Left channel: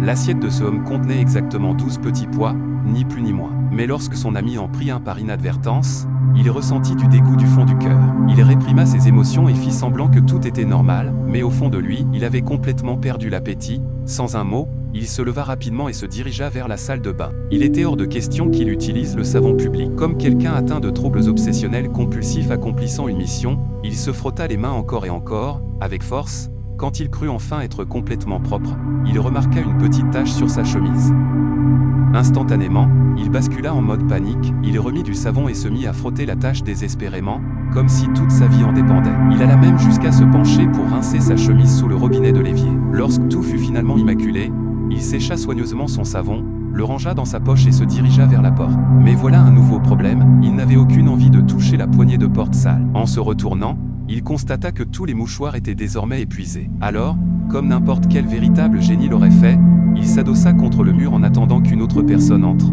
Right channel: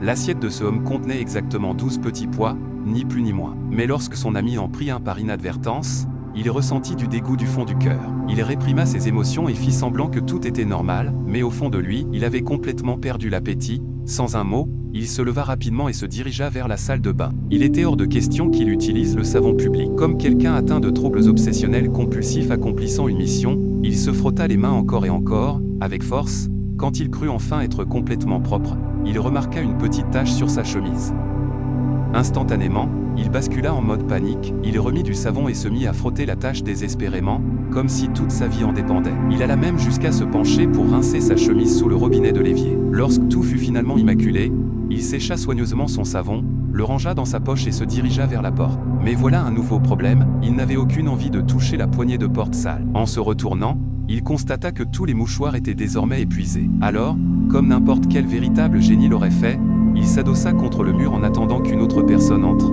L'assiette de ce homme contenait exactement 12 petits pois, ni plus ni moins. Mais lorsque son ami en prit un par inadvertance, il ressentit du dégoût du fond du cœur. Il réprima ses émotions et fit semblant que tout était normal, mais au fond de lui, il avait complètement perdu l'appétit. Sans un mot, il se leva rapidement et se dirigea vers la salle de bain. Il était hors de question qu'il utilise le savon public. Comme quelqu'un atteint de troubles obsessionnels compulsifs accomplissant une mission, il se frotta les mains encore et encore, avec force. Quand il crut enfin être complètement propre, il remarqua une petite tache sur sa chemise. Instantanément, il bascula en mode panique, il remit du savon et se mit à frotter la tache désespérément, comme si toute sa vie en dépendait. Il alla même jusqu'à se pencher pour rincer sa chemise sous le robinet de l'évier. Lorsque tout fut finalement immaculé, il sécha soigneusement son savon, le rangea dans sa poche et se dirigea vers la porte. Mais voilà un nouveau problème, il n'avait aucune envie de toucher la poignée de porte sale. En se retournant, il constata que tous les mouchoirs étaient désormais épuisés. Alors, comme n'importe quel véritable génie l'aurait fait, il s'adossa contre le mur en attendant qu'une autre personne entre.